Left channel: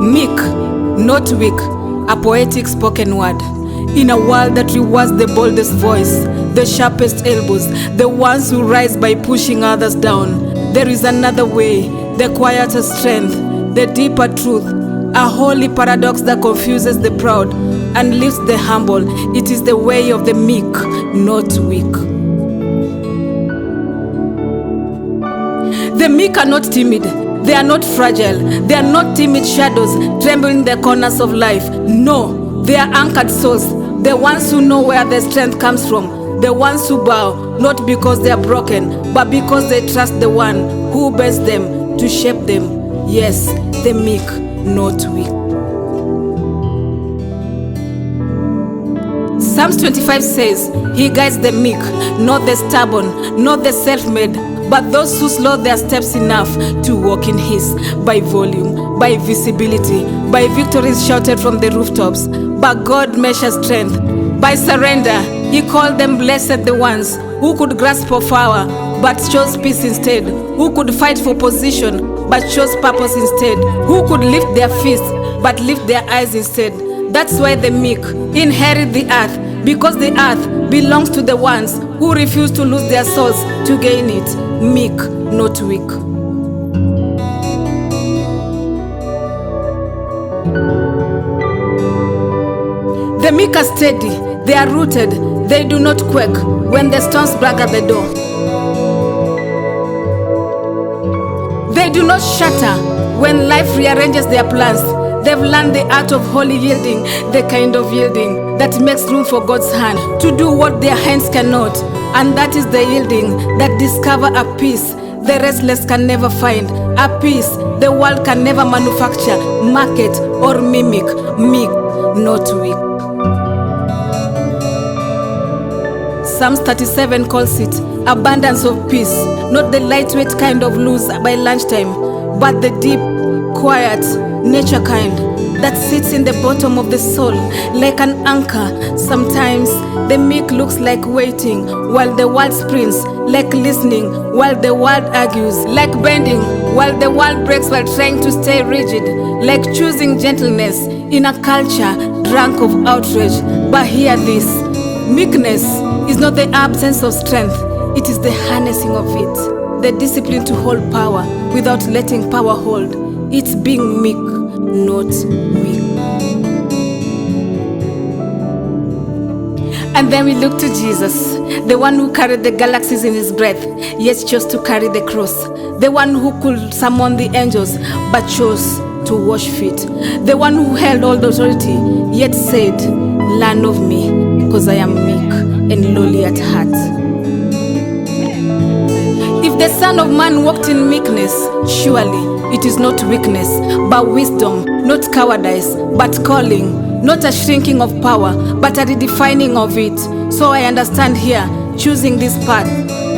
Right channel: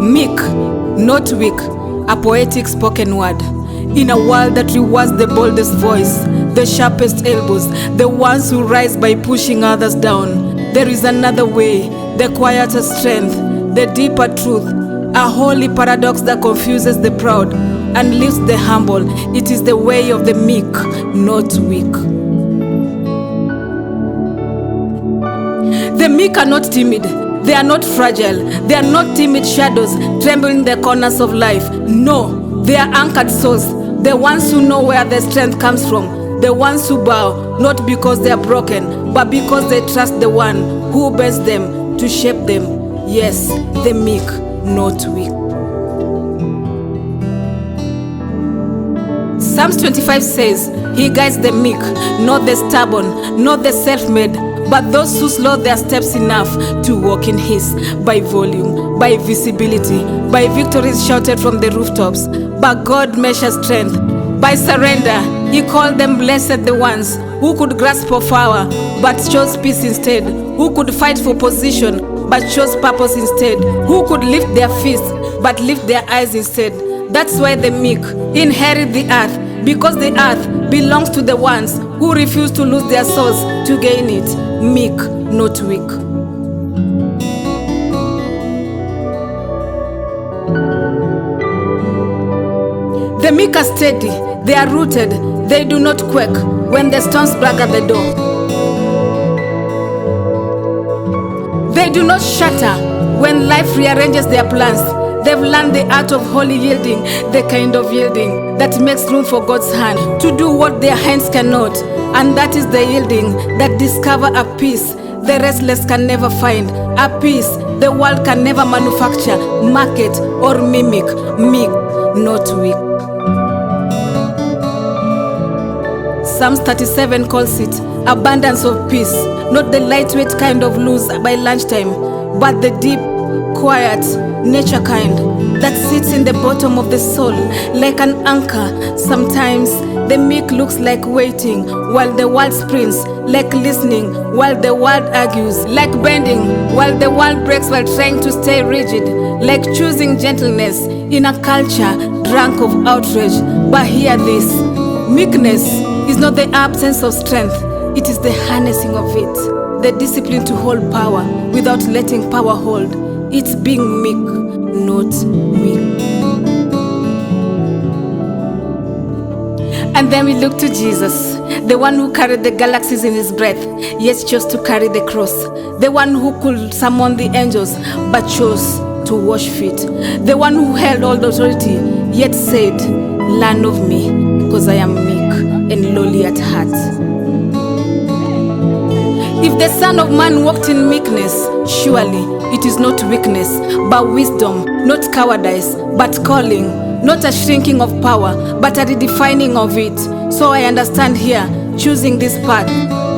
Meek, not weak, a poetic spoken word. In a world that rewards the boldest voice, the sharpest elbows, the ones who rise by pushing others down, there is another way, the quieter strength, the deeper truth, a holy paradox that confuses the proud and lifts the humble. It is the way of the meek, not weak. The meek are not timid. They are not fragile. They are not timid shadows trembling the corners of life. No, they are anchored souls. The ones who know where their strength comes from. The ones who bow, not because they are broken, but because they trust the one who bears them to shape them. Yes, the meek, not weak. Psalms 25 says, He guides the meek, not the stubborn, not the self-made, but those who slow their steps enough to walk in His, by volume, by visibility, by victories shouted from the rooftops. But God measures strength by surrender. He called them blessed, the ones who could grasp for power but chose peace instead, who could fight for position but chose purpose instead, who could lift their fists but lift their eyes instead. That's why the meek inherit the earth, because the earth belongs to the ones who refuse to lose their souls to gain it. Meek, not weak. The meek are steady, they are rooted, they do not quake when the storms brag at the door. They do not shatter when life rearranges their plans. They've learned the art of holy yielding, the kind of yielding that makes room for God's hand to do what their hands cannot. And that is the yielding that discovers a peace the restless can never find, a peace the world can never manufacture, market, or mimic. Meek, not weak. Psalms 37 calls it abundance of peace, not the lightweight kind of lose by lunchtime, but the deep, quiet, nature kind that sits in the bottom of the soul like an anchor. Sometimes the meek looks like waiting while the world sprints, like listening while the world argues, like bending while the world breaks while trying to stay rigid, like choosing gentleness in a culture drunk of outrage. But hear this, meekness is not the absence of strength, it is the harnessing of it, the discipline to hold power without letting power hold. It's being meek, not weak. And then we look to Jesus, the one who carried the galaxies in his breath, yet chose to carry the cross. The one who could summon the angels, but chose to wash feet. The one who held all the authority, yet said, "Learn of me, because I am meek and lowly at heart." If the Son of Man walked in meekness, surely it is not weakness, but wisdom, not cowardice, but calling, not a shrinking of power, but a redefining of it. So I understand here, choosing this path,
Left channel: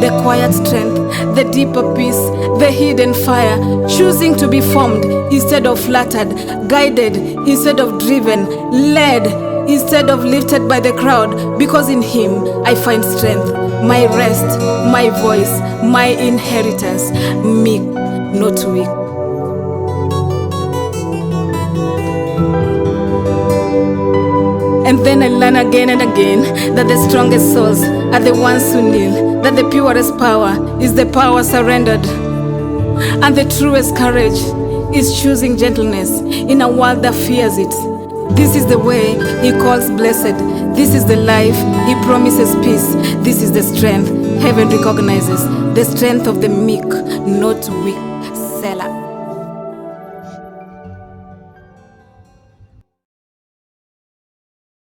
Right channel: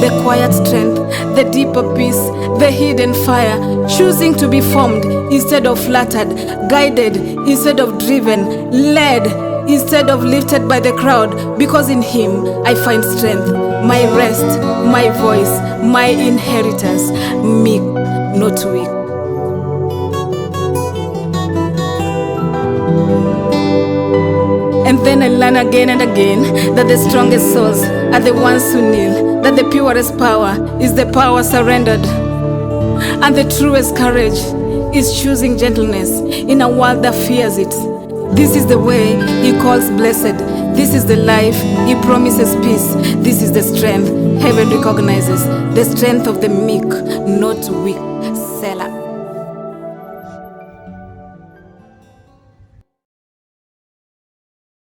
the quiet strength, the deeper peace, the hidden fire, choosing to be formed instead of flattered, guided instead of driven, led instead of lifted by the crowd, because in Him I find strength, my rest, my voice, my inheritance. Meek, not weak. And then I learn again and again that the strongest souls are the ones who kneel, that the purest power is the power surrendered, and the truest courage is choosing gentleness in a world that fears it. This is the way He calls blessed. This is the life He promises peace. This is the strength heaven recognizes, the strength of the meek, not weak. Selah.